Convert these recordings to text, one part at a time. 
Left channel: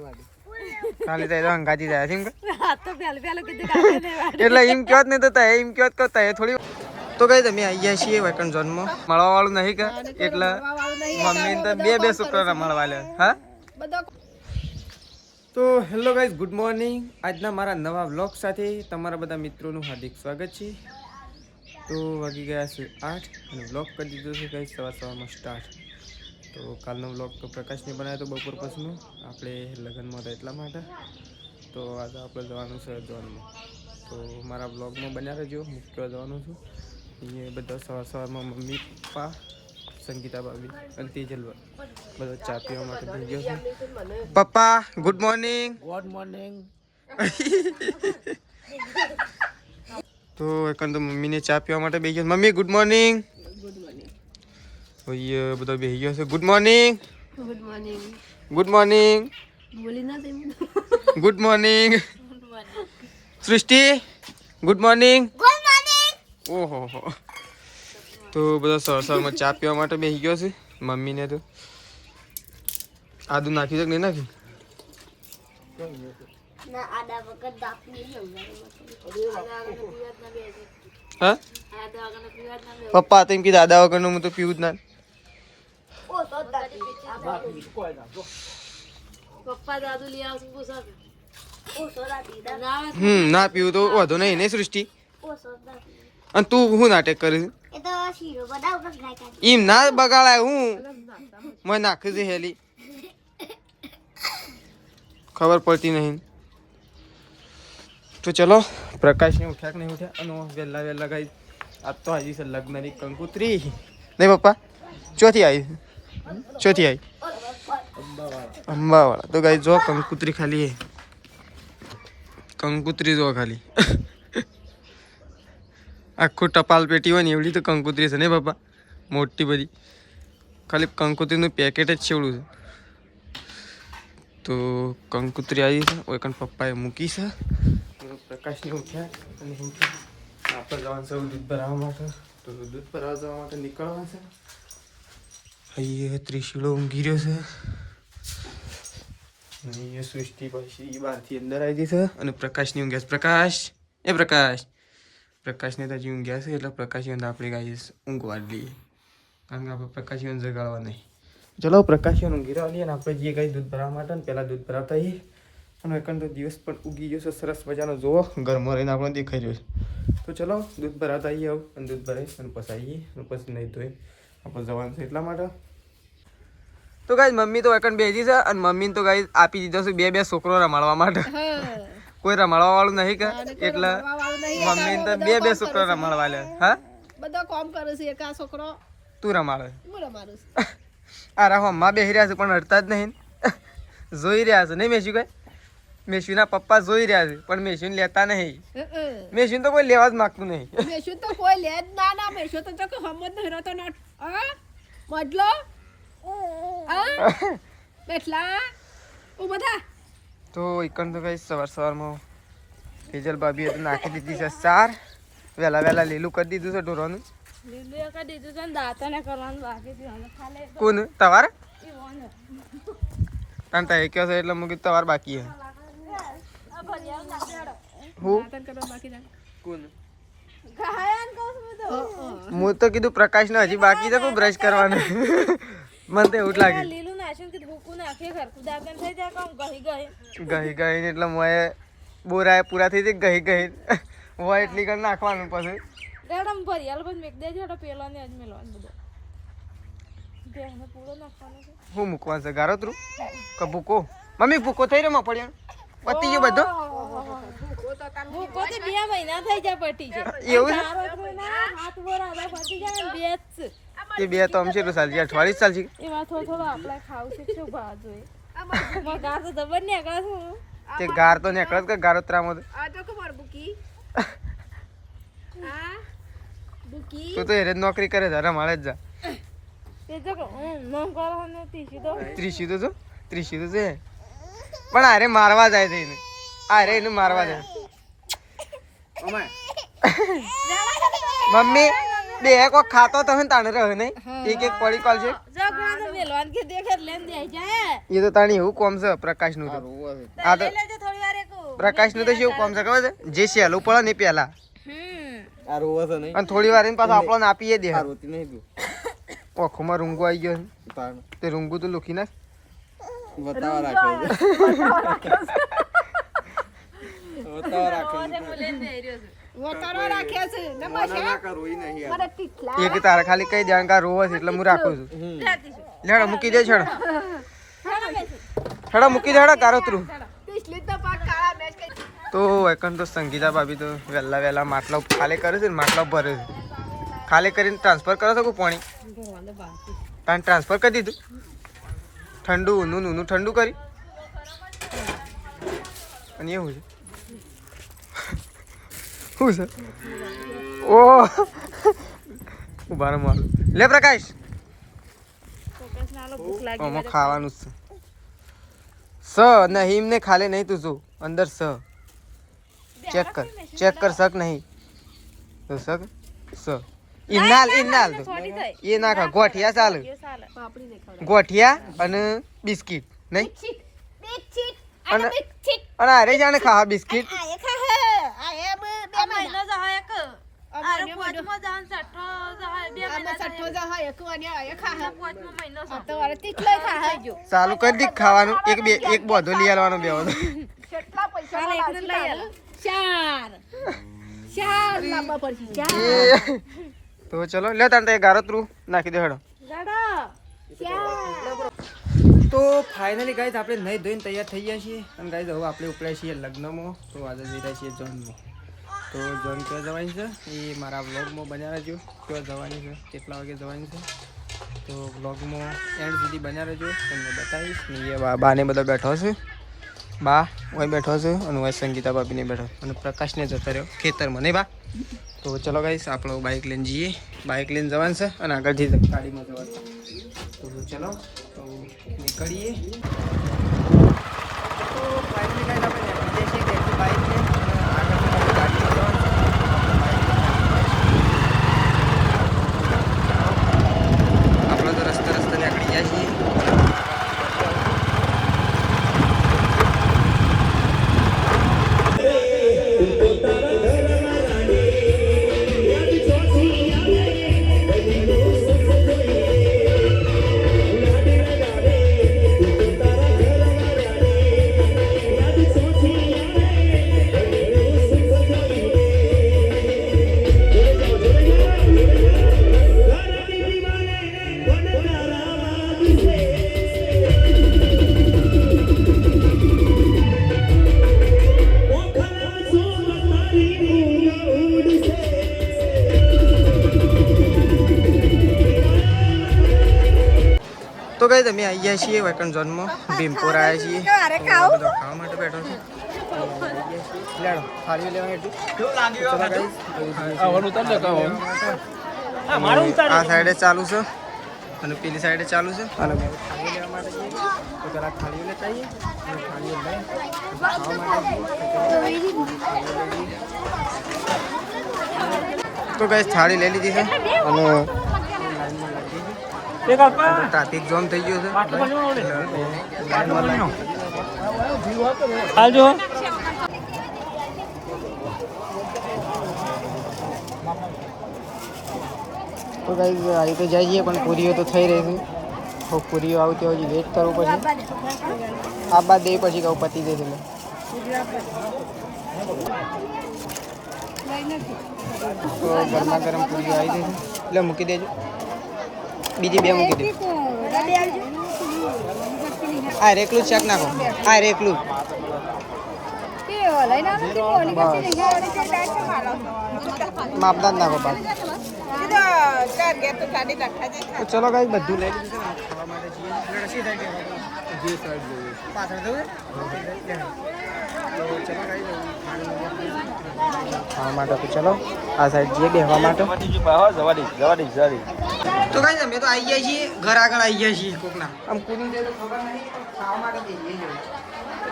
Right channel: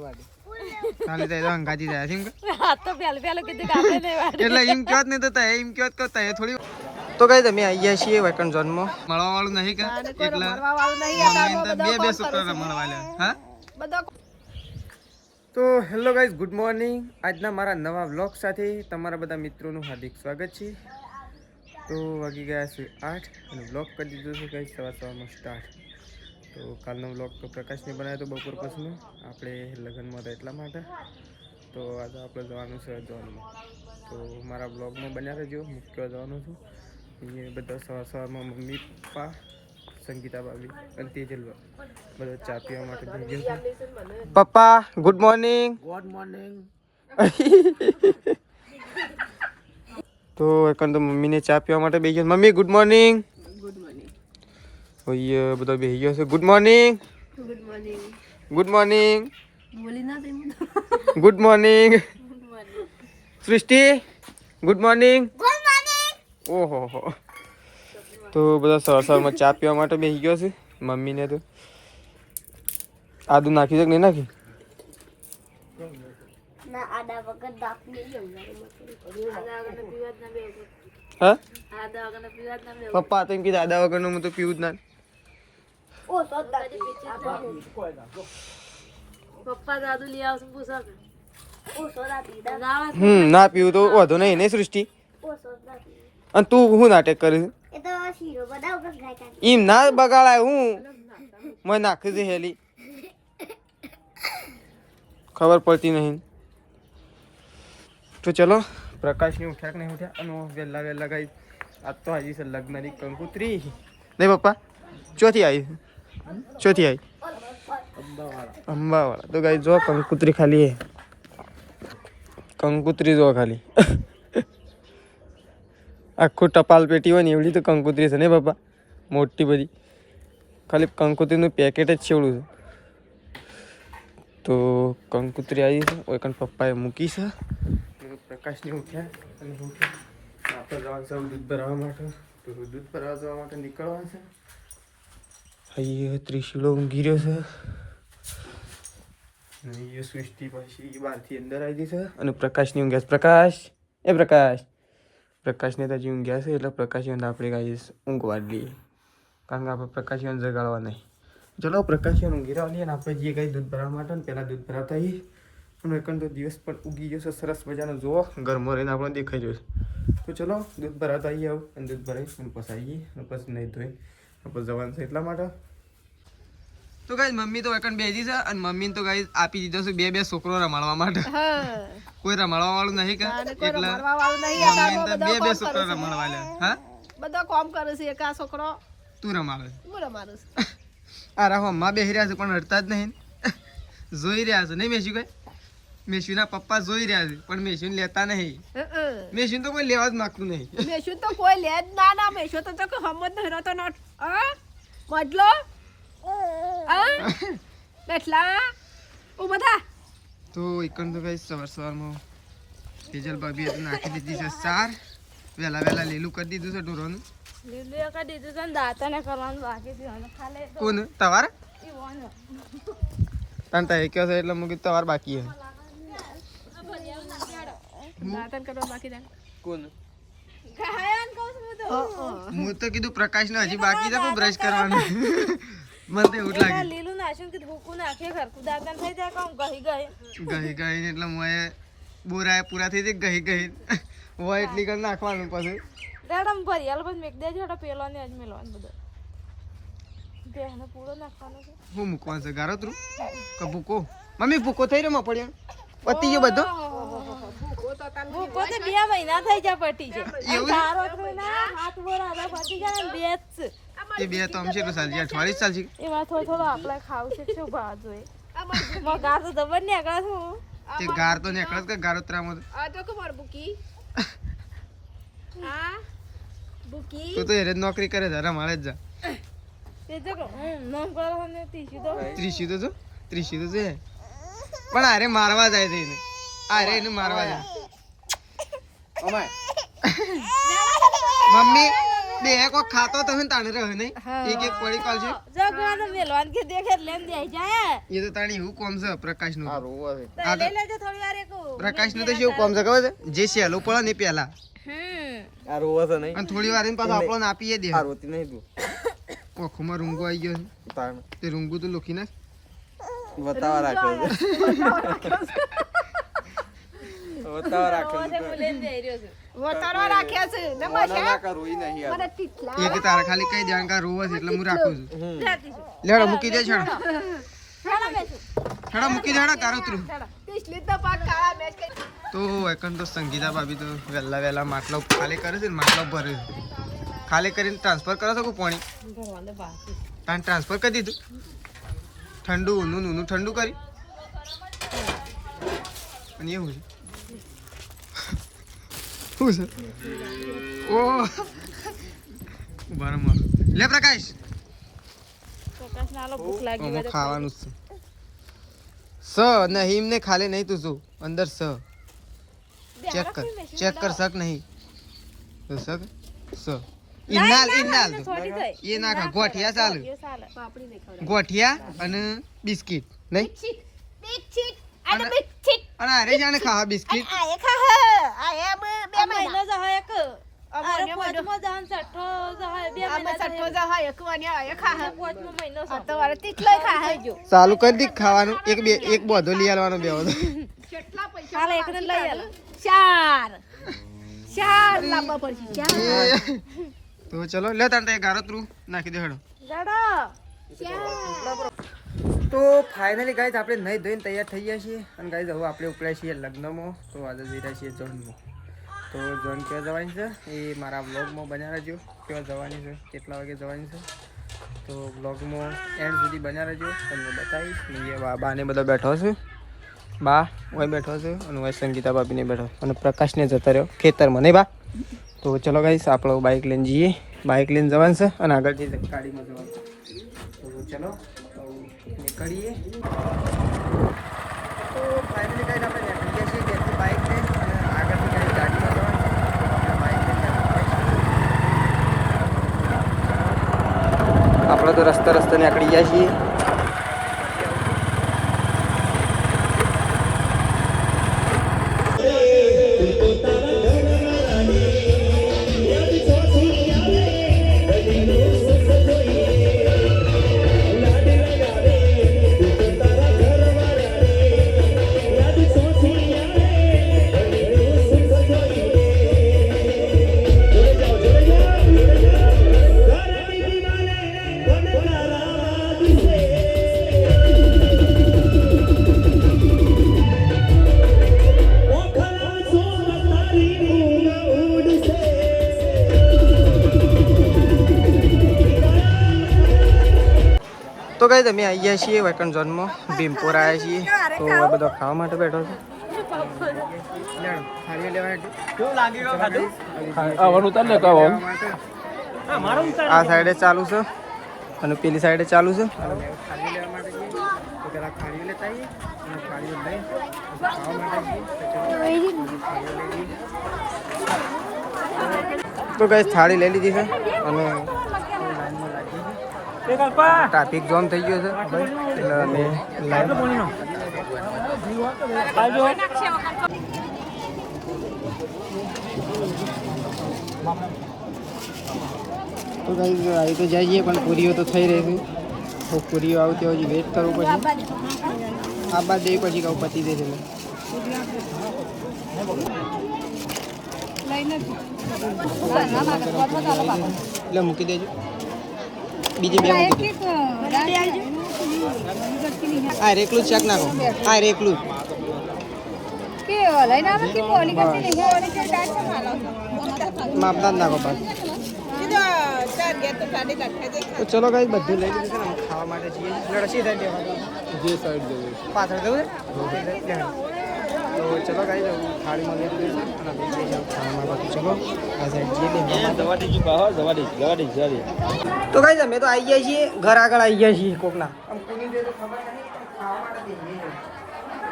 ખાલી તો હંગાતી જાય છે એટલે એટલે એમ કહેવત નહીં તો એમ કહેવત કરતા એ થોડી તો કઈ તમે અહીંયા છીએ વેકન ઝોનમાં મળવા વાળું નહીં કે એટલે મમ્મી તો બે છોકરાને મળવા લે હા તો હેલો ગાઈઝ ગુડ મોર્નિંગ આજના મારા નવા વ્લોગ સાથે તમારા બધા મિત્રોનું હાર્દિક સ્વાગત છે તો વાગી ગયા છે 8 અને વ્લોગ કરી દીધો છે ગાઈઝ સવારમાં સ્ટાર્ટ તો કાલનો વ્લોગ તો પ્રકાશને બનાવ્યો તો બપોર પછીનો આપણે લગ્નમાં હતા એટલા માટે તો આજે આપણે જવાનું છે ઝોનમાં તો મારા વ્લોગમાં બન્યા રહેજો મુખ્ય જવાનું છું અહીંયા બધા સવારમાં મમ્મી પપ્પા સંગીતા ભાભી અને તેજલ બધો ચા પીવા માટે જઈ ગયો છે પપ્પા ગુડ મોર્નિંગ તો એકન તો મમ્મીને ચા પીવા માટે બેસી ગયો મમ્મી ગુડ મોર્નિંગ ઓય બધો બેસી ગયો છે good morning good morning good morning સૃષ્ટિ ગુડ મોર્નિંગ ઓહો હો તો બધા સવારમાં ચા પીવા માટે બેસી ગયો છે મમ્મીને તો આદુ નાખી છે કે નહીં નાખી હા પપ્પા તો એમ કીધું આદા વગરનું હું તો પીવું જ ના ના પીવું તો વાંધો નહીં ને સૃષ્ટિ અને તું હું નાટક કરીશ એમ ના બગાડાય હું મને નાખી દે હેલી ખબર પડતી નહીં તો ચલો પ્રકાશને ઉઠ્યા કે નહીં ઉઠ્યા અને વહેલા વહેલા ગઈ આજ તો આવી છે લગ્નની કંકુત્રી નહીં પપ્પા ચોથી આવી અંબાવાળા તો ગાઈ જો કંકુત્રી ખાલી હે કંકુત્રી જો ખાલી આખું ટપાલ પેટી હોય ને એવડી તો કંકુત્રી છે ને બાપા મોટી બધી ખાલી કંકુત્રીનું પેકેટ જ છેવડું છે તો કંકુત્રી આવી છે ઓય પપ્પાએ મૂકી છે પ્રકાશને ઉઠ્યા અને આપણે જવાનું છે દૂધ ભરાવવા માટે તો દૂધ ભરાવવા જવા માટે નીકળવા છે અહીંયા ત્રિશુલો ઊંઘી રહ્યો છે અહીંયા સૃષ્ટિ પછી બહારથી અંદર આવી છે અને પ્રકાશની ઊંઘ્યા છે પ્રકાશને તો હજી ઊંઘ્યા છે એટલે પ્રકાશીવન આપણે ગાઈ ઊંઘવા જ લઈએ કારણ કે આપણે પ્રકાશીવન જગાડવા નહીં ચલો પ્રકાશીવન ઊંઘી રહેવા લઈએ અને આપણે જઈએ ગાઈ દૂધ ભરાવવા માટે ને પહેલાં દૂધ ભરાવતા આવીએ અને એકંદ તો દિવસ પણ ઉગી ગયો છે સરસ મજાનો જુઓ ઘરમાં રહીને આપણને દેખાઈ રહ્યો છે તો ચલો દૂધ ભરાવતા આવીએ આવું અને દૂધ ભરાવી અને પછી આવીએ અને પછી નહીં ધોઈ આપણે જવાનું છે એટલા માટે તો ગાઈ મમ્મી તો એકંદ બેસી છે અને મમ્મીને તો ગાઈ આપી દીધો છે બે છોકરો રમાડવા માટે કોઈ રમાડવા વાળું નહીં કે એટલે મમ્મી તો બે છોકરો રમાડવા લે હા બધો કામ કરે છે એક આ છોકરો તું રમાડે હું રમાડું અરે હમણાં બેસી રહ્યા છે પણ હડતા જ નહીં જોઈ રહ્યા છે નહીં મેસી કઈ મેસીના પપ્પા જોઈ રહ્યા છે પણ મેસીને લેતા નહીં મેસીને તો કોઈ લેવા જ માંગતું નહીં મેશું તો કોઈ લે જ ના મેશું તો કે હમ જ નહીં રહેતો નોટ મજલો બેઠલા ઓ બધા તો એકન તો કઈ સવારમાં તેજલ ભાભીએ તો નાખી દીધી છે ચાર વહેલા લીલું કરી દીધું છે ઢોરોનું લીલું કરી દીધું છે ને દાંતને કરવાનું બાકી છે ખાલી કોણ તમારે ઈ વોનો તને તો એક છે એટલે મુકી તમારે બાકી હે દાંતન કરવા બાકી છે કોણ ખાયન કહું હું તો કીધું પ્રકાશ ને હજી બાકી છે કોઈ બ્રશ કરવાનું મને તો એવું જ લાગે લીલું નાખ્યું કે ભૂકું નાખીએ ઘરકું દાંતન થઈ જાય કામ ગઈ એટલે મોએ બોરાય પૂરા થઈ જાય ગઈ હોય એટલી કર નાખવાનું પછી રેડમ ભરિયાલ બસ મેક દેજો એટલે પેલો ને જ મેલવાનું બધો બેહને પૂરો નાખવાનો છે હું મૂકવાનું છે ગારોતરું કે ભૂકો મમ્મી ભૂકો થઈ રહ્યો પડ્યા પતી ગયો બધો ભૂકો તો 2 મહિના થઈ જાય પટી છે એવું ગારોતરું ના હાથ બોરા પટી જાય ને બે જ એ બે તો આમ છે તો ચાલશે અઠવાડિયું ચાલશે એમાં થોડો આપણે ખાવું છે શું ભાવ જોઈએ ગાર તો દબર ને આગળ છું તે ગાર તો નીકળત કે ગારોતરામાં આ તો કમર બુકી હા બુકી તું તો એરે નોકરી કરે જરા મળે જ જા તે જો નોમ કરો ને ત્રીસી તો છે પણ અરે મારવા જાય છે એને અરે એને મારવા જાય મમ્મી બે કોક ખાતો તો તાણે રહે નહીં એક એક પડી કોલ છે જગણા તો મેલવાન કે દેખે લેન દે જાય એ તો તાણી એવું કોમ છે પ્રકાશ નું આ તો લેજો થોડી વાર એક પ્રકાશ નું તો શું કોમ છે ખબર છે જે સહેલું પડે ને પેલા આ રોવા છે નહીં અને થોડી વાર પાછો આપણને આપીએ દે આ રોતી નહીં તું ઓખોમાં રૂંગો આવી ગયો તાણ તે રૂંગુ તો લૂકી નાખ બતાવા રાખ્યો છે બતાવા રાખ્યો છે લેન દે રહ્યો છે વતારો રાખ્યો છે ને મશા રોઈ નહીં મને ટીટલા એક તારે ખાલી કઈ દેવાનું કા રોવે છે એટલે હું રાખું છું લેડો મૂકી દે છેડો છેડો મૂકી દે કારોતરું પિછલી તો પાક કાળા મેચ કે તો એકન તો સંગીતા ભાભી તો વહેલા વહેલા માટલો ખાલી કરે છે ને માટલો ભરે છે ખાલી કરીને ટ્રાન્સફર કરો છો કે પાણી તાન ટ્રાન્સફર કરી દીધું ઠંડુ ઊનું ઊનું ઠંડુ કરી અને એવું છે શું છે ઓ ઉભા રહો લે પ્રકાશ પ્રકાશ નાલો ભૂખ લાગી આમાં ખાવાનું છે સ નહીં ને ખાલે નહીં તું શું અંદર સ ચેક કર શક નહીં તો શક સ ઇનાલ તો એ ના ખા ગોઠિયા ચાલે પાપડી નહીં ખવડાવ ગોઠિયા અને બિસ્કિટ નહીં બિસ્કિટ અને અને અરે જાણે ખા બિસ્કિટ આ એ ખા આ એ બે મહિનો મહિના જહાય એક અમારે પાંચમો જહાન છઠ્ઠો જહાય બે આ મહિના સઠ્ઠો જા હોય એક વાન્યા આ એ ખા પાંચમો મહિનો આ તો વારે ટીટલો ખા જો ચાલુ કરી દી ખાવાનું એક બોધો લઈ આવવાનો બે બધો કેટલા પૈસા કાલે એકને લઈ આલે ચાર લાંબા પડશે ચાર તો ચલો લે તાંતે ગારતરું નાખી દે હેડો તો ફાઇનલી ગાઈઝ આપણે નહીં ધોઈને તૈયાર થઈ ગયા છીએ અને ગાઈઝ હવે આપણે ઉપડ્યા છીએ લગ્નમાં તો આજે જઈ રહ્યા છીએ જોનમાં તો જોન ક્યાં જવાની છે એ મારા વ્લોગમાં બન્યા રહેજો ક્યાં જવાની છે કેટલા વાગે જવાની છે તો વ્લોગમાં એન્ડ સુધી બન્યા રહેજો તમને બતાવીશ ને એ બાને બધો બેઠો છે બા ઓય બેઠો છે અને ઓય સંગીતા ભાભીને બેઠો અને પ્રકાશને જતા રહ્યો ખેતરમાં નહીં બા તો ચલો ગાઈસ આપણે બાઇક લઈને જઈએ બાઇક લઈને જવાનું છે અને આગળથી ગાડીમાં જવાનું તો ચલો નીકળીએ તો ફાઇનલી ગાઈસ આપણે નીકળી જઈએ છીએ ઘરેથી બાઇક લઈને અને આગળથી ગાડીમાં જવાનું છે આપણે તો રસ્તે નીકળી ગયા છીએ તો કઈ તમે આવી ગયા છીએ વેકન ઝોનમાં ભીમપુર આવ્યા છીએ તો બધો ખાવા માટે બેઠો છે લેડો થાળીઓ લેવા હેઠું આ સાઈડે ચાલુ છે અને પેલી સાઈડે ચાલુ છે અને થાળીઓ લેવા માટે જઈએ તો પેલા થાળીઓ લેતા આવીએ અને થાળીઓ લઈ ખાવા માટે જઈએ થાળીઓ લઈ લઈએ તો કઈ થાળી લઈ લીધી છે અને લાઈનમાં લાગી ગઈ ટ્રાફિક જામ થઈ ગયો છે તો ગાઈસ આવી તો જઈએ પણ પૂરીઓ તો થઈ રહી છે તો પૂરીઓ આવતી હજી વેટ કરવું પછી આ બાદ દે પછી કહું પતી દે એટલે તો ગરમા ગરમ પૂરીઓ આવી ગઈ છે એટલે મૂકી દેજો બીજી બે મૂકી દે આ રેકલું ચેક નાખો આ રેકલું બસ માપદાર નાખો પાછું તો ચલો ગાઈસ બધું લઈ લીધું છે ને ખાવા માટે જઈએ લડસી સાઈડ જે સાઈડ જઈએ પાછળ જવું તો ચલો ગાઈસ થાળીમાં ખાવા માટે તો ચલો આ સાઈડ જઈએ બેહવા માટે તો ગાઈસ અમે તો આવી ગયા છીએ ઘર આગળ આવી ગયા છીએ કોકના આમ કોની દે તો ખબર નહીં ખાવા માટે જઈએ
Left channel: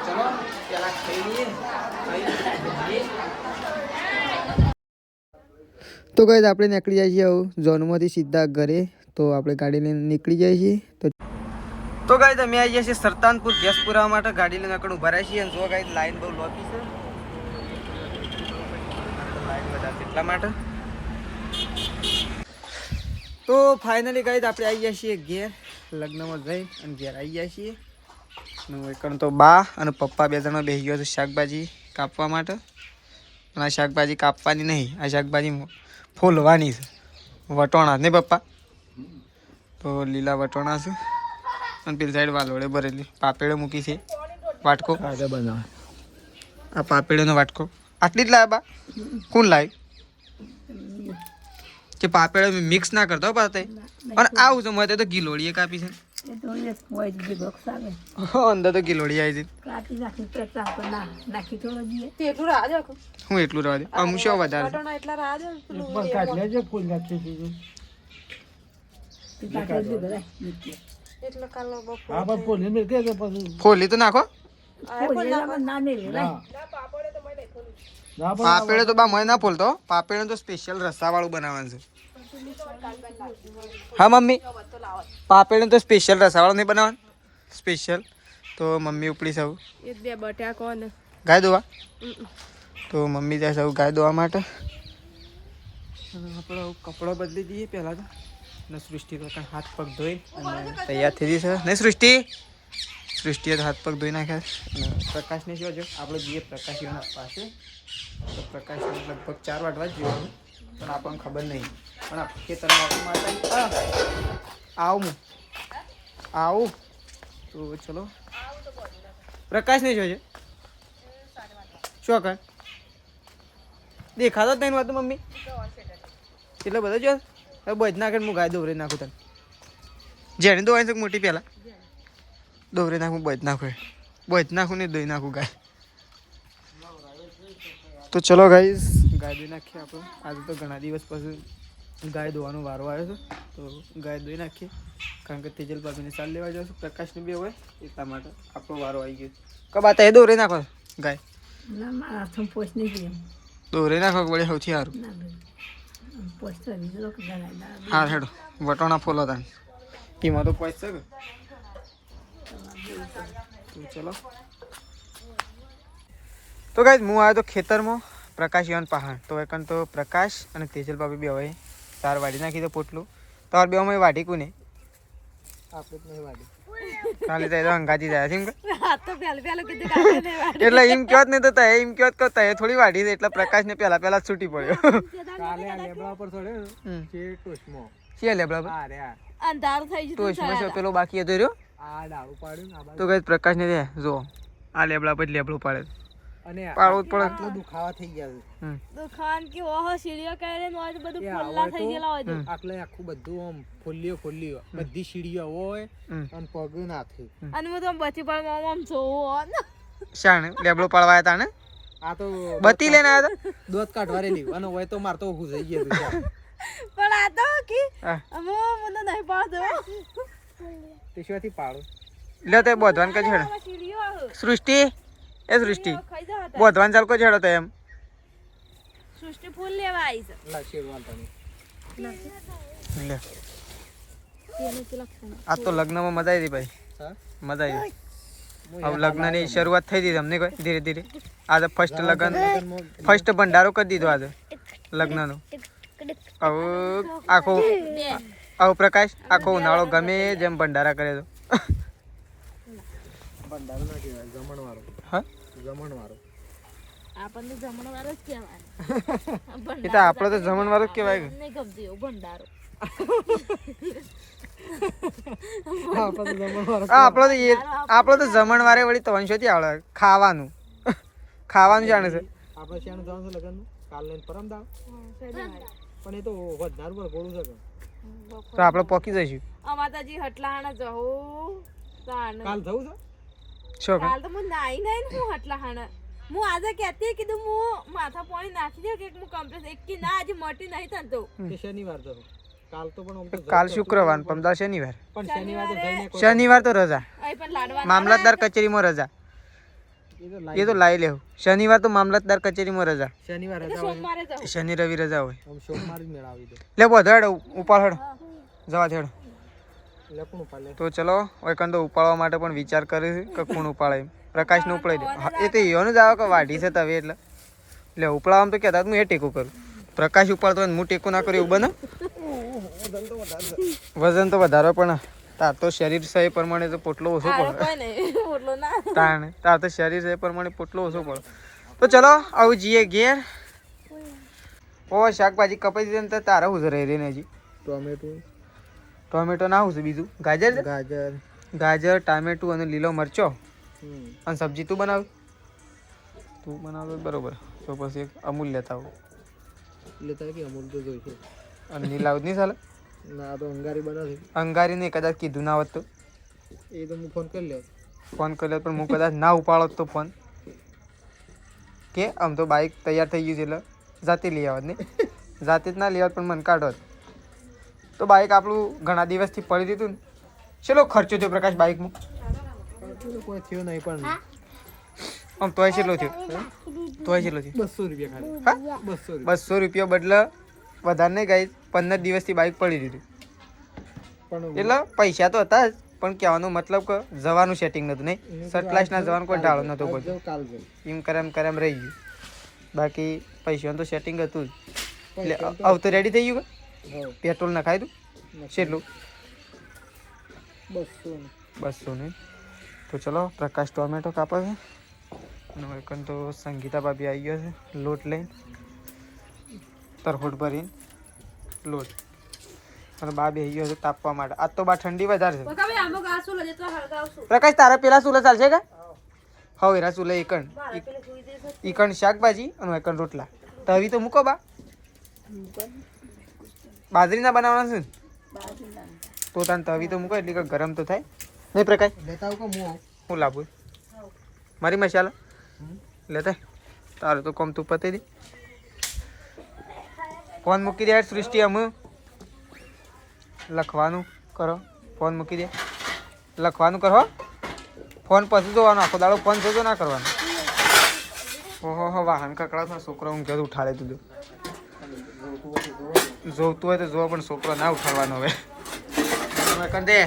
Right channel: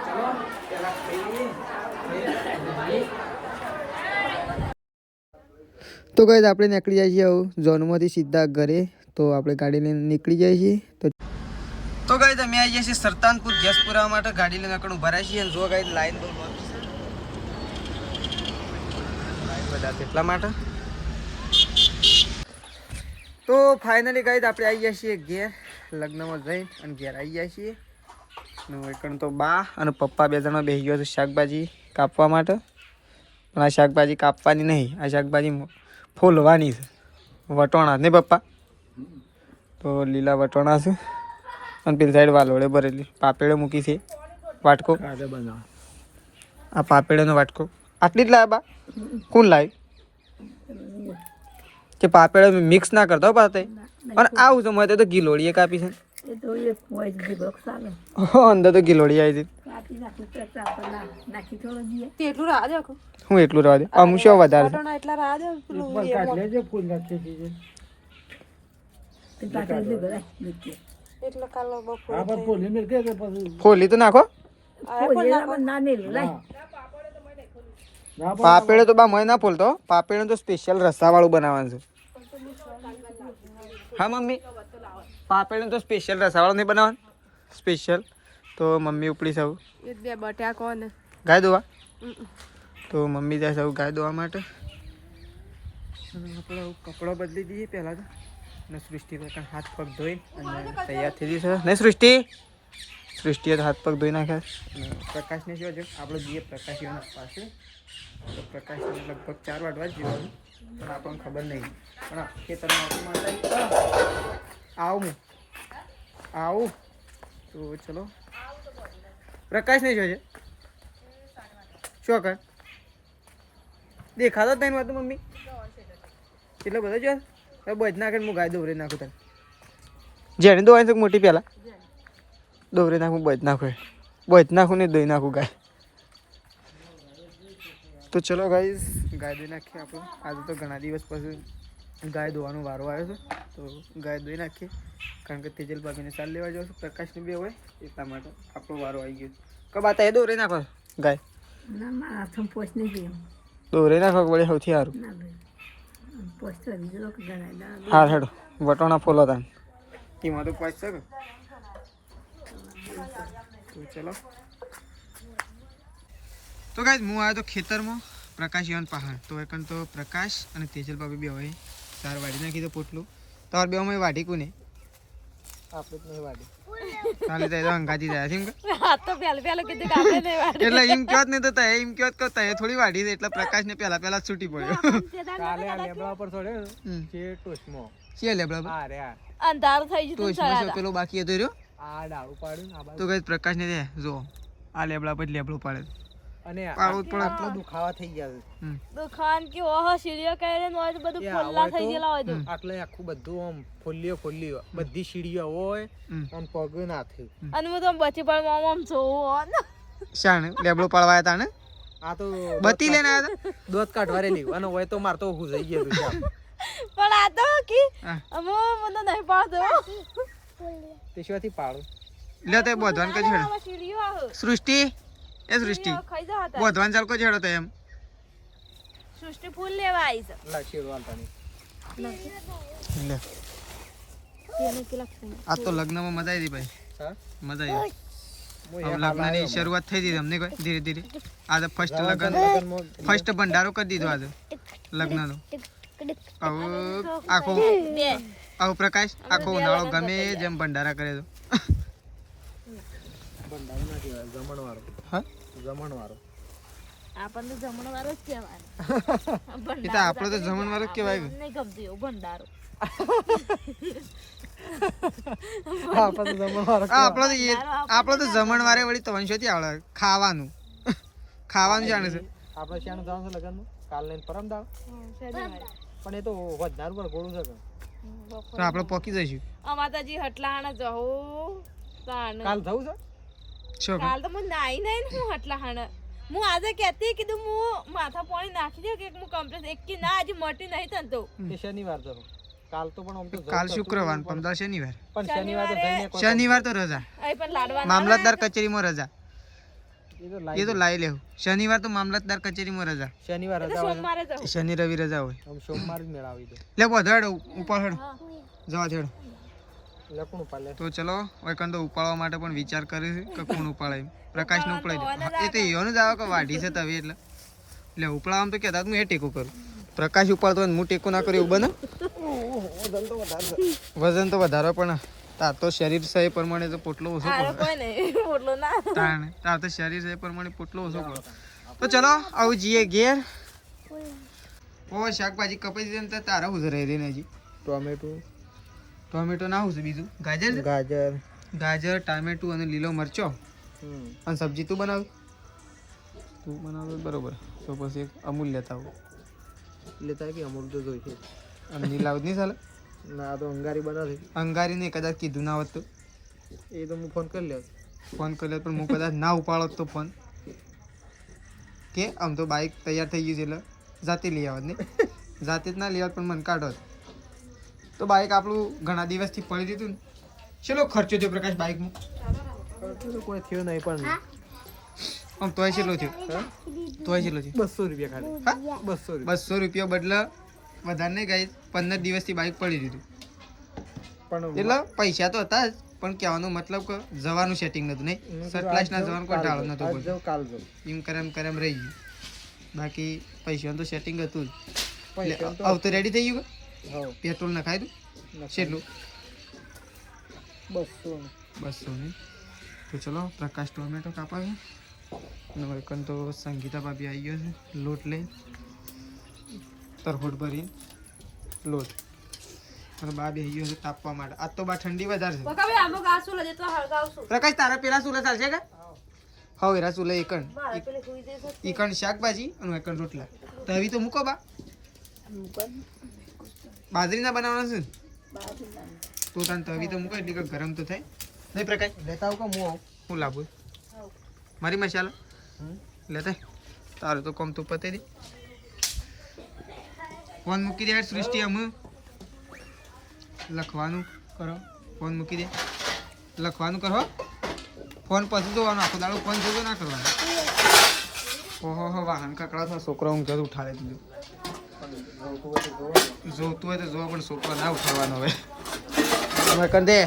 ચલો પેલા ખાઈ લઈએ તો ગાઈસ આપણે નીકળી જાય છીએ હવે ઝોનમાંથી સીધા ઘરે. તો આપણે ગાડી લઈને નીકળી જાય છીએ. તો ગાઈસ અમે આવી ગયા છીએ સરતાનપુર ગેસ પુરાવા માટે. ગાડી લઈને આગળ ઉભા રહ્યા છીએ અને જો ગાઈસ લાઈન બહુ લોબી છે. લાઈન બધા એટલા માટે. તો ફાઇનલી ગાઈસ આપણે આવી ગયા છીએ ઘેર. લગ્નમાં જઈ અને ઘેર આવી ગયા છીએ. અને તો બા અને પપ્પા બે જણા બેસી ગયો છે શાકભાજી કાપવા માટે. પણ આ શાકભાજી કાપવાની નહીં, આ શાકભાજી ફોલવાની છે. વટોણા ને પપ્પા, તો લીલા વટોણા છે. અને પેલી સાઈડ વાલોડે ભરેલી પાપેડો મૂકી છે. વાટકો આ પાપેડોનો વાટકો આટલી જ લાવ્યા બા? કોણ લાવી કે પાપેડો મિક્સ ના કરતા પાતે? અને આવું છે મેં તો ગિલોડીએ કાપી છે. અંદર તો ગિલોડી આવી છે. હું એટલું રહેવા દે, અમુક શું વધારે ફોલી તો નાખો. પાપેડે તો બા મને ના ફોલતો. પાપેડે તો સ્પેશિયલ રસ્સા વાળું બનાવવાનું છે. હા મમ્મી, પાપેડે તો સ્પેશિયલ રસ્સા વાળું નહીં બનાવવાનું. સ્પેશિયલ તો મમ્મી ઉપડી સૌ ગાય દોવા. તો મમ્મી જાય સૌ ગાય દોવા માટે. અને આપણો કપડો બદલી દઈએ પહેલાં તો. અને સૃષ્ટિ તો હાથ પગ ધોઈ અને તૈયાર થઈ ગઈ છે. નહીં સૃષ્ટિ? સૃષ્ટિએ તો હાથ પગ ધોઈ નાખ્યા. પ્રકાશને શું છે આપણે જઈએ પ્રકાશીઓના પાસે. તો પ્રકાશને લગભગ 4 વાગવા જ જોવાનું, પણ આપણને ખબર નહીં. પણ આ ખેતરમાં માટે આવું તો ચલો. પ્રકાશને શું છે? શું કર દેખાતો જ નહીં વાત મમ્મી? એટલે બધા જો બજ નાખે હું ગાય દોરે નાખું તને. જેને દોવાય છે મોટી પહેલાં દોરે નાખું, બજ નાખું ને દોઈ નાખું ગાય. તો ચલો ગાઈસ ગાય દોઈ નાખીએ આપણે. આજે તો ઘણા દિવસ પછી ગાય દોવાનો વારો આવ્યો છે. તો ગાય દોઈ નાખીએ, કારણ કે તેજલ ભાભીને ચાલ લેવા જાવ છું. પ્રકાશને બી હોય એટલા માટે આપણો વારો આવી ગયો. કબા તે દોરે નાખો ગાય? દોરે નાખો વળે સૌથી સારું. હા હેડો વટોણા ફોલો તાન એમાં તો પહોંચશે કે. તો ચલો. તો ગાઈસ હું આવ્યો તો ખેતરમાં પ્રકાશ યવન પહાડ. તો એકન તો પ્રકાશ અને તેજલ બાબી બી હવે 4 વાડી નાખી તો પોટલું. તમારે બે અમે વાડી કોને? આપણે જ નહીં વાડી. ચાલે તો અંગાજી જાય છે એમ કે. એટલે એમ કહો જ નહીં તો તય એમ કહો તો તય થોડી વાડી છે. એટલે પ્રકાશને પહેલા છૂટી પડ્યો. કાલે આ લેબડા પર ચડ્યો છે ટોસમાં. છે લેબડા પર અંધાર થઈ ગયું. ટોસમાં છે પેલો બાકી હતો રહ્યો. આ ડાળું પાડ્યું આ તો ગાઈસ પ્રકાશને દે જો આ લેબડા પર લેબડું પાડે. અને પાડવું જ પડે. આટલો દુખાવા થઈ ગયા છે. દુખાન કે ઓહો સીડીઓ કરીને હોય તો બધું ફોલ્લા થઈ ગયેલા હોય તો. આટલે આખું બધું આમ ફોલ્લીઓ બધી સીડીઓ હોય અને પગ ના થઈ. અને હું તો બચી પણ આમ જોઉં શાણે લેબડો પાડવા હતા ને? આ તો બતી લઈને આવ્યા હતા. દોત કાઢવા રેલી અને હોય તો માર તો હું જઈ ગયો છે. પણ આ તો કે અમો મને નહીં પાડતો. તે શોથી પાડો લે તે બોધવાન કઈ છેડો સીડીઓ આહો સૃષ્ટિ. એ સૃષ્ટિ ખાઈ જાવ હતા. બોધવાન ચાલ કોઈ છેડો તો એમ સૃષ્ટિ ફૂલ લેવા આવી છે. લા શેરવાલ તને લે. તેને કે લખતા આ તો લગ્નમાં મજા આવી હતી ભાઈ. હા મજા આવી. હવે લગ્નની શરૂઆત થઈ ગઈ અમને કોઈ ધીરે ધીરે. આજે ફર્સ્ટ લગ્ન, ફર્સ્ટ ભંડારો કરી દીધો આજે લગ્નનો. હવે આખો પ્રકાશ આખો ઉનાળો ગમે જેમ ભંડારા કરે તો. બંધારો ના કહેવાય, જમણવારો. હા જમણવારો. આપણને જમણવારો જ કહેવાય. એ તો આપણો તો જમણવારો જ કહેવાય. નહીં ગમતું એવું ભંડારો. આપણો તો જમણવારે વળી 300 થી આવડે. ખાવાનું જાણે છે. આપણે શ્યામ જવાનું છે લગ્નમાં કાલ લઈને પરમ દાવ. પણ એ તો વધારે પર ગોળું છે. તો આપણે પોકી જઈશું. અમાતાજી હટલાહાણા જવું તાણ. કાલ જવું છે. શું કાલ તો હું નાઈ નહીં ને હું હટલાહાણા. હું આજે કહેતી કીધું હું માથા પાણી નાખી દે કે હું કમ્પ્લેટ એક કે ના આજે મટી નહીં થતો. એ શનિવાર જવું. કાલ તો પણ આમ તો કાલ શુક્રવાર, પરમદાર શનિવાર. પણ શનિવાર તો જઈને શનિવાર તો રજા. અહીં પણ લાડવા મામલતદાર કચેરીમાં રજા. એ તો એ તો લાવી લેવું. શનિવાર તો મામલતદાર કચેરીમાં રજા. શનિવાર એટલે રજા હોય ને. સોમવારે જાઉં. શનિ રવિ રજા હોય. આમ સોમવાર જ મેળાવી દો. લે બધો હેડ ઉપાડ હેડ જવા હેડ. લખણું પાલે. તો ચલો હવે કંદો ઉપાડવા માટે પણ વિચાર કરે છે કે કોણ ઉપાડે એમ. પ્રકાશને ઉપાડી દે. હા, એ તો એવાનું જ આવે કે વાઢી છે તવે એટલે ઉપાડવામાં તો કહેતા હું એ ટેકો કરું. પ્રકાશ ઉપાડતો હોય ને હું ટેકો ના કરું એવું બને. વજન તો વધારો પણ તાર તો શરીર છે એ પ્રમાણે તો પોટલો ઓછો હારો પડે. કોઈ નહીં ઓટલો ના તાર તો શરીર છે એ પ્રમાણે પોટલો ઓછો પડે. તો ચલો આવું જઈએ ઘેર. ઓ શાકભાજી કપાઈ દીધી ને તો તારા હું રહી રહી ને હજી ટોમેટો ના હું છે બીજું ગાજર છે? ગાજર. ગાજર ટામેટું અને લીલો મરચો અને સબ્જી તું બનાવ બરોબર. તો પછી એક અમૂલ લેતા આવું. લેતા કે અમૂલ તો જોઈશે. અને નીલાવ નહીં ચાલે? ના તો અંગારી બનાવે. અંગારીને કદાચ કીધું ના હોત તો એ તો હું ફોન કરી લે. ફોન કર્યો પણ હું કદાચ ના ઉપાડો તો ફોન કે આમ તો બાઇક તૈયાર થઈ ગયું છે એટલે જાતે લઈ આવત નહીં. જાતે જ ના લઈ આવત પણ મને કાઢોત તો બાઇક આપણું ઘણા દિવસથી પડી દીધું ને. ચલો ખર્ચો થયો પ્રકાશ બાઇકમાં? કોઈ થયો નહીં પણ આમ તોય કેટલો થયો? તોય કેટલો થયો? 200 રૂપિયા ખાલી. હા 200 200 રૂપિયા બદલે વધારે નહીં ગાઈ 15 દિવસથી બાઇક પડી દીધું. પણ એટલે પૈસા તો હતા જ પણ કહેવાનો મતલબ કે જવાનું સેટિંગ નતું નહીં. સટલાસના જવાનું કોઈ ઢાળો નતો આજ બધું. જાઉં, કાલ જાઉં. એમ કરે એમ રહી ગયું. બાકી પૈસાનું તો સેટિંગ હતું જ. પૈસા તો- આવ તો રેડી થઈ ગયું કે હા, પેટ્રોલ નખાય તું કેટલું? 200 200 નહીં. તો ચલો પ્રકાશ ટોમેટો કાપે છે અને વૈકન તો સંગીતા ભાભી આવી ગયો છે લોટ લઈને તરફોટ ભરીને લોટ અને બા બેસી ગયો છે તાપવા માટે. આજ તો બા ઠંડી વધારે છે. પ્રકાશ તારા પેલા સુલે ચાલશે કે? હવે એરા સુલે ઈકણ શાકભાજી અને એકણ રોટલા. તવી તો મૂકો બા. બાજરીના બનાવવાના છે ને? તો તાન તવી તો મૂકો એટલે કે ગરમ તો થાય નહીં. પ્રકાશ લેતા આવું કે હું આવું? હું લાવું મારી મસાલા લેતા તારું તો કોમ તું પતી દે. ફોન મૂકી દે સૃષ્ટિ અમે લખવાનું કરો. ફોન મૂકી દે લખવાનું કરો. ફોન પછી જોવાનો આખો દાડો ફોન જોજો ના કરવાનો. ઓહો હો વાહન કકડા થા છોકરો હું ઘર ઉઠાડે તું જોતું હોય તો જોવા પણ છોકરો ના ઉઠાડવાનો હવે. કંદે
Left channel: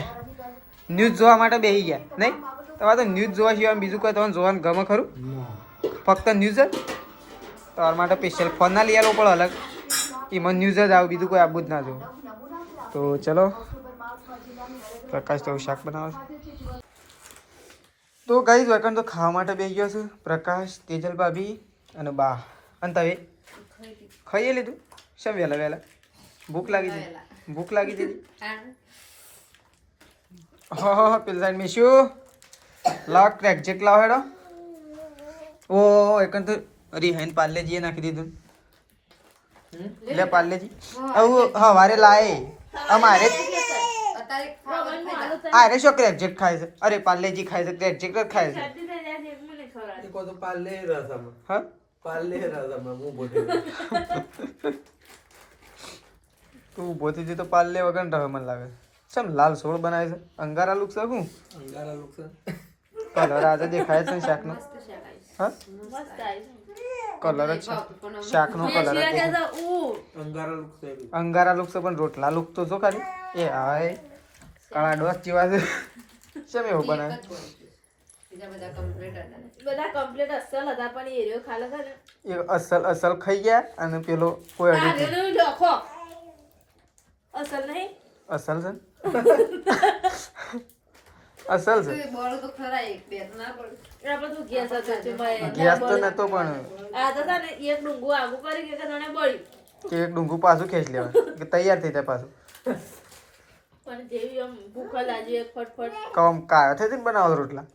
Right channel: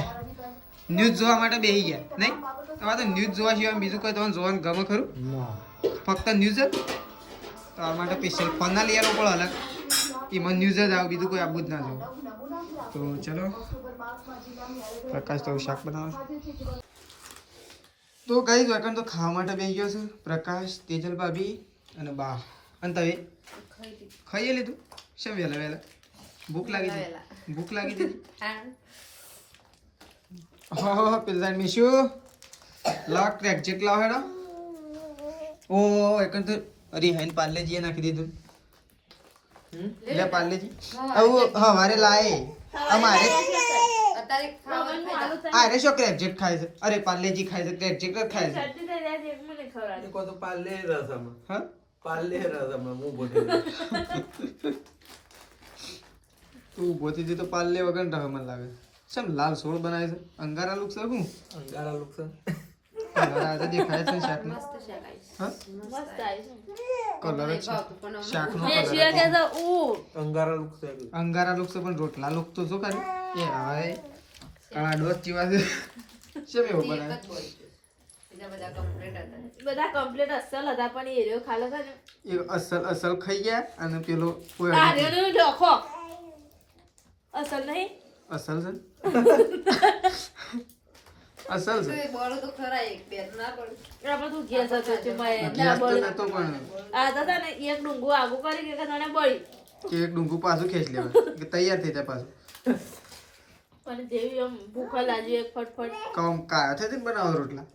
ન્યૂઝ જોવા માટે બેસી ગયા નહીં? તમારે તો ન્યૂઝ જોવા સિવાય બીજું કોઈ તમને જોવાનું ગમે ખરું? ફક્ત ન્યૂઝ જ? તમારા માટે સ્પેશિયલ ફોન ના લઈ આલો પણ અલગ એમાં ન્યૂઝ જ આવે બીજું કોઈ આવું જ ના જોવું. તો ચલો પ્રકાશ તો શાક બનાવે તો કઈ વેકન તો ખાવા માટે બેસી ગયો છું. પ્રકાશ તેજલ ભાભી અને બા અને તમે ખાઈએ લીધું? શેમ વહેલા વહેલા ભૂખ લાગી હતી? ભૂખ લાગી હતી? હા પેલા સાઈડ મેં શું લાવ ક્રેક જેટલા હેડો. ઓ એકન તો અરે હેન પાર્લેજી નાખી દીધું. લે પાર્લેજી આવું હવારે લાય અમારે અરે શું ક્રેક જેટ ખાય છે? અરે પાર્લેજી ખાય છે ક્રેક જેટ ખાય છે. હા તું ઊભો થઈ જઈ તો પાર્લે વગર રહે મને લાગે. શેમ લાલ સોળ બનાવે છે? અંગારા લુક છે શું? અંગારા લુક છે. કલર આજે દેખાય છે શાકનો. હા કલર જ છે શાકનો કલર જ છે. અંગારા લુક છે. અંગારા લુક છે પણ રોટલા લુક તો જો ખાલી એ હાય કાળા ડોસ જેવા છે. શેમ એવું બનાવે? બધા કમ્પ્લીટ અસલ હતા પણ એરિયો ખાલો છે ને એ અસલ ખાઈ ગયા અને પેલો કોઈ અડી ગયો. આર્યોનો ડોખો અસલ નહીં અસલ છે અસલ છે. આપણે તું ગેસ હતો છે ગેસ તો નતો પણ આ તો છે ને એક ડુંગું આગું કરી કે તને બળી એક ડુંગું પાછું ખેંચ લેવાનું કે તૈયાર થઈ જાય પાછું. પણ જેવી આમ ભૂખ લાગી એક ફટફટ કમ કાયો થઈ ને બનાવો રોટલા.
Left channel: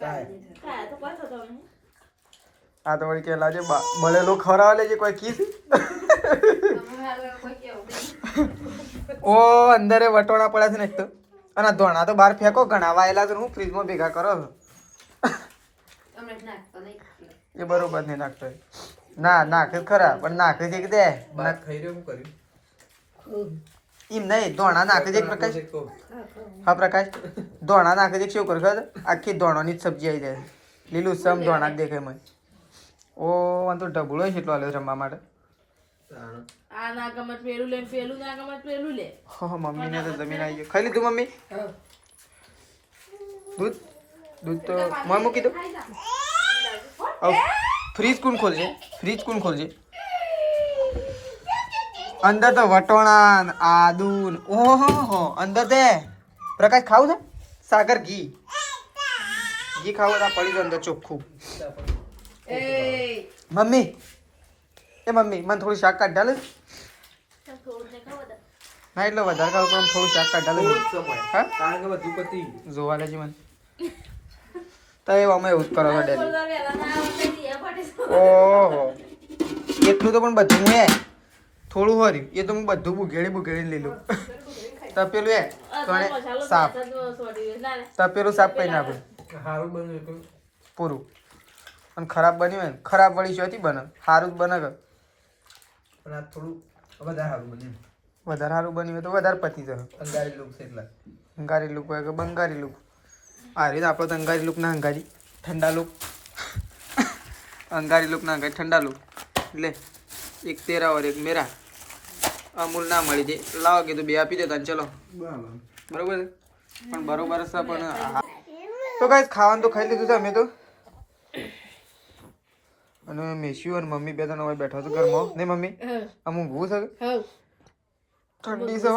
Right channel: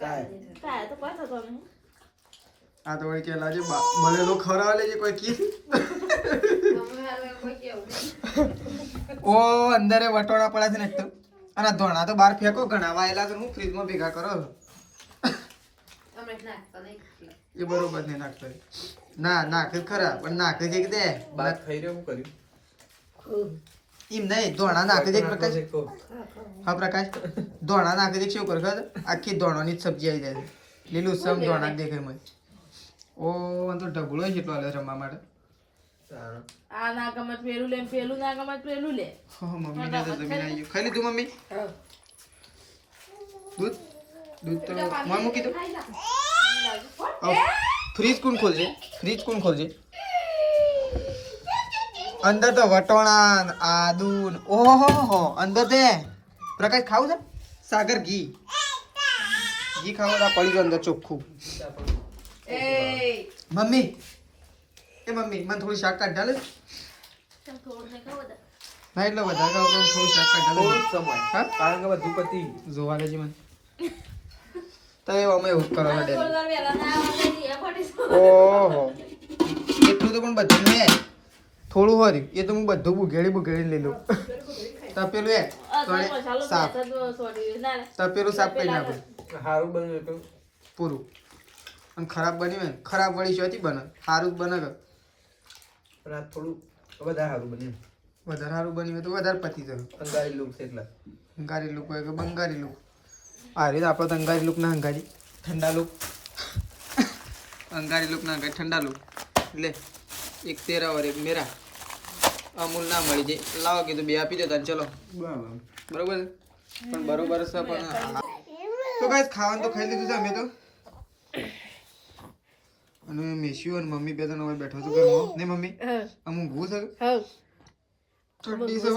ખાયા તો પાછો તો નહીં આ તો વળી કે લાગે બળેલું ખવડાવવા લેજે કોઈ કીસ. ઓ અંદરે વટોળા પડ્યા છે ને એક તો અને આ ધોણા તો બહાર ફેંકો ઘણા વાયેલા તો હું ફ્રીજમાં ભેગા કરો છો. એ બરોબર નહીં નાખતો ના નાખે ખરા પણ નાખે છે કે દે બાત ખાઈ રહ્યો હું કર્યું. એમ નહીં ધોણા નાખી દે પ્રકાશ હા પ્રકાશ ધોણા નાખી દે શું ખબર આખી ધોણાની જ સબ્જી આવી જાય લીલું સમ ધોણા જ દેખાય મને ઓ મને તો ઢબુડો છે એટલો રમવા માટે આ ના ગમત પેલું લે પેલું ના ગમત પેલું લે મમ્મીને તો જમીન આવી ગયું ખાઈ લીધું મમ્મી દૂધ દૂધ તો મોય મૂકી દો ફ્રીજ કોણ ખોલશે ફ્રીજ કોણ ખોલશે અંદર તો વટોણા આદુ ઓહો અંદર તે પ્રકાશ ખાવું છે સાગર ઘી ઘી ખાવું તો પડી અંદર ચોખ્ખું મમ્મી એ મમ્મી મને થોડું શાક કાઢ ડાલે ના એટલે વધારે ખાવ તો થોડું શાક કાઢ ડાલે હા કારણ કે બધું પતી જોવા લેજે મને તો એ અમે એવું જ કરો ડેલી ઓહો એટલું તો પણ બધું હે થોડું હર્યું એ તો હું બધું બુઘેડી લીધું તપેલું હે તો સાફ તપેલું સાફ કરી નાખું સારું બન્યું હતું પૂરું અને ખરાબ બન્યું હોય ને ખરાબ વળી ચોથી બને સારું જ બને કે પણ આ થોડું વધારે સારું બન્યું વધારે સારું બન્યું હોય તો વધારે પતી જાય અંગારી લુક છે એટલે અંગારી લુક હોય કે બંગારી લુક આ રીતે આપણો તો અંગારી લુક ના અંગારી ઠંડા લુક અંગારી લુક ના અંગારી ઠંડા લુક એટલે એક તેરા और એક મેરા અમૂલ ના મળી જાય લાવો કીધું બે આપી દેતા ચલો બરોબર છે પણ બરોબર છે પણ તો ગાઈસ ખાવાનું તો ખાઈ લીધું છે અમે તો અને મેસ્યુ અને મમ્મી બે ત્રણ હવે બેઠા છો ઘરમાં નહીં મમ્મી આમ ઊંઘવું છે ઠંડી છે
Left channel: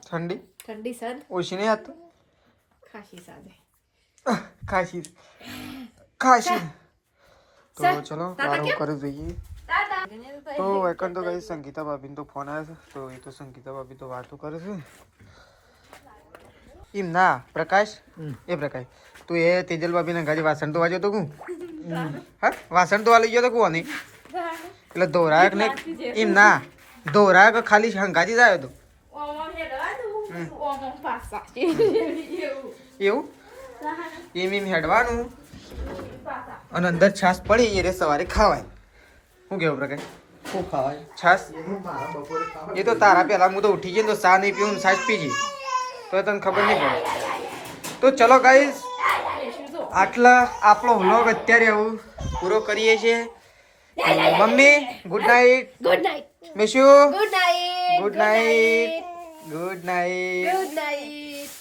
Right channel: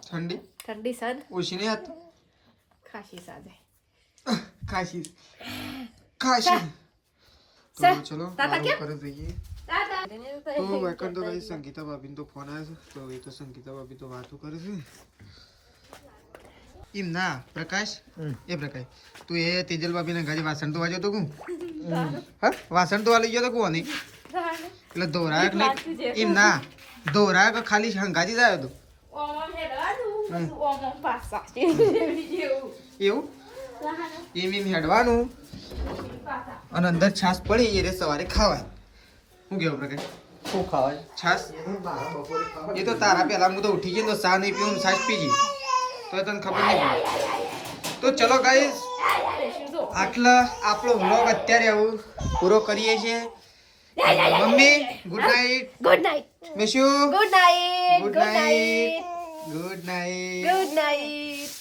ઠંડી ઠંડી સર ઓછી નહીં હાથ ખાસી સાજે ખાસી ખાસી તો ચલો વારો કરે જોઈએ તો વેકન તો કઈ સંગીતા ભાભીને તો ફોન આવ્યો છે તો એ તો સંગીતા ભાભી તો વાતો કરે છે એમ ના પ્રકાશ એ પ્રકાશ તું એ તેજલ ભાભીને ગાડી વાસણ તો વાજ્યો તો કું હા વાસણ તો વાલી ગયો તો કું નહીં એટલે ધોરાયક ને એમ ના ધોરાયક ખાલી હંગાજી જ આવ્યો તો એવું એમ હેડવાનું અને અંદર છાસ પડી એ રે સવારે ખાવાય શું કેવું પ્રકાશ શું ખાવાય છાસ એ તો તારા પહેલા હું તો ઉઠી ગયો તો ચા નહીં પીવું છાસ પી ગઈ તો તને ખબર નહીં પડે તો ચલો ગાઈસ આટલા આપણો વ્લોગ અત્યારે આવું પૂરો કરીએ છીએ mummy good night good night મેશુ good night good night good night good night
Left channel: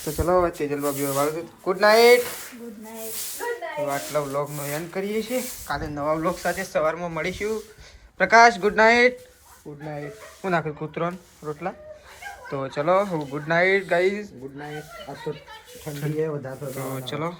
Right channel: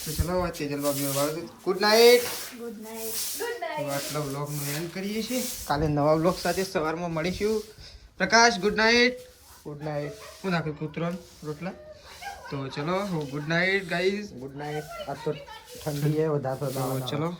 તો ચલો તેજલ બાબી ગુડ નાઇટ ગુડ નાઇટ તો આટલા વ્લોગનો એન્ડ કરીએ છીએ કાલે નવા વ્લોગ સાથે સવારમાં મળીશું પ્રકાશ ગુડ નાઇટ ગુડ નાઇટ હું નાખ્યું કૂતરો રોટલા તો ચલો good night guys good night આ તો ઠંડી હે વધારે તો ચલો